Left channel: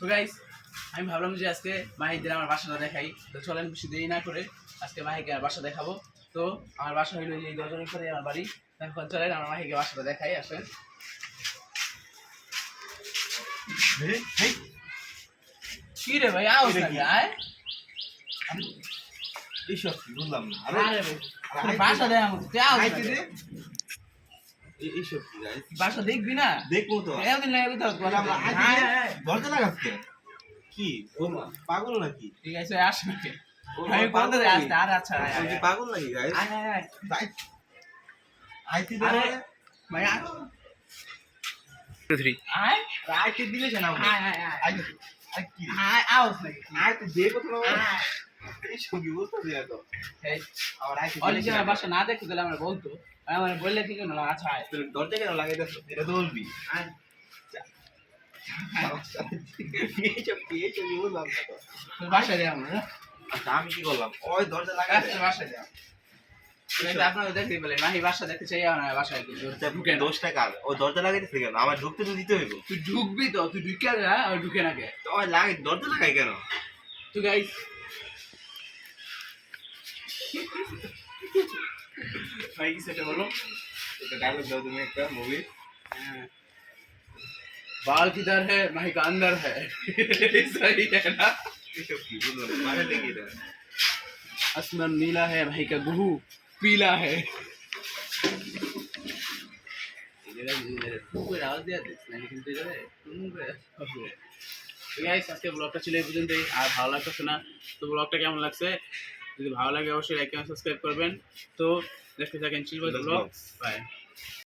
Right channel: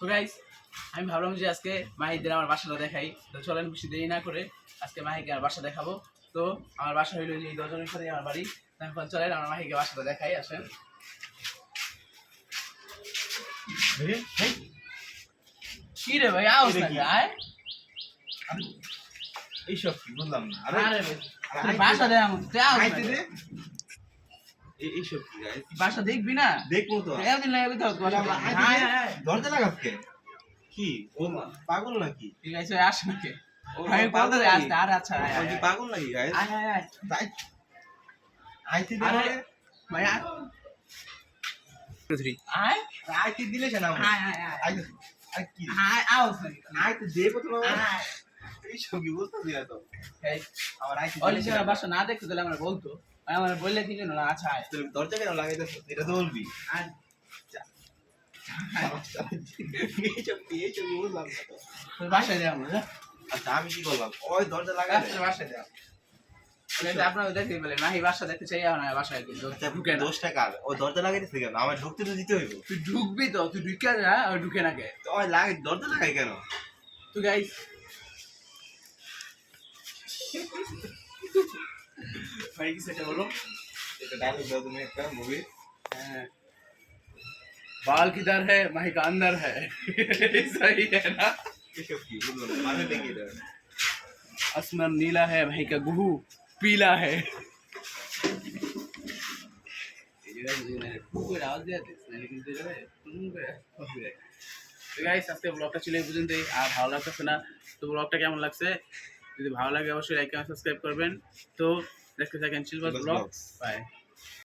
তো গাইস আমি ভাবলাম যে আজকে মাহিদের আমার বাসাটা দেখাই। তো চলেন বেশি দেরি না করে আজকে মাহিকে আমার বাসা দেখাবো। তো আমার বাসা হইলো এই 10 জনের সাথে আমার বাড়ি। এখন চলেন আমার মাহিকে বাসাটা দেখাই। আসেন। কি রে ভাই আওয়াজ না গায়? এইসব কি বুঝলাম না। আরে বাসা দেখ আমাকে তুই আওয়াজ না রে। এইসব কি গাইস? বাসা দেখবি না? দেখবো তো। এতদিন লাগে তো দরজা লাগাচ্ছে কি? ও পাগল নাকি? ঠিক আছে আসে নাকি? আমি বলতে আসতে আর আচ্ছা ওই যে পাগল নাকি গাইস? আয় আয় আয় তাই আইতে দে আরে ভাই আয় 3 আয় আইতে দিলে কেন আয় আয় আয় আইতে আই কি আয় আওয়াজ নাকি? আইতে দে প্রথমে আয় এইসব কি বলতে দিয়া তো এই আবার আইতে অলি যে বাসা না দেখতে দিলে আমরা বলতো আমার বললে কি কেন আচ্ছা আয় তুই দরজা কেন লাগাইতেছ? এটা তো বলবি। আয় এইসব কি বুঝলাম না তো। তুই বাসা দে আমরা আচ্ছা আমি কি করলাম? ওই দরজা লাগাই দে। বাসা দে আপনারা দেখতে পেলেন মাহি বাসা দেখতে চাই না বাসায় ঢুকে না। 10 টাকা ও দরজা লাগাইতেছে কেন? আমার ঢুকতে তো দিতে হইব। তুই ঢুকবি তো তুই ঢুকে যা আর ঢুকে না কে তো ওই লাগাই দরজা লাগাই কেন? তুই গাইস ভাই কি সেটা বলো এটা ডায়লগ দাও তুমি একটা মুভি। हाँ, बाल किधर है माही का अंदर है सही है ना এইসব কি বুঝলাম না। মানে দেখি এটা आसमान नीला है भाई का गुहू पीला है তো গাইস আজকে ব্লগটা ছিল এই পর্যন্তই। আর ভালো লাগতেছে না তো ব্লগটা কেমন লাগছে যদি ভালো লাগে অবশ্যই লাইক এবং সাবস্ক্রাইব করবেন। তো দেখতে থাকেন চিলবাজ ব্লগ। বাই।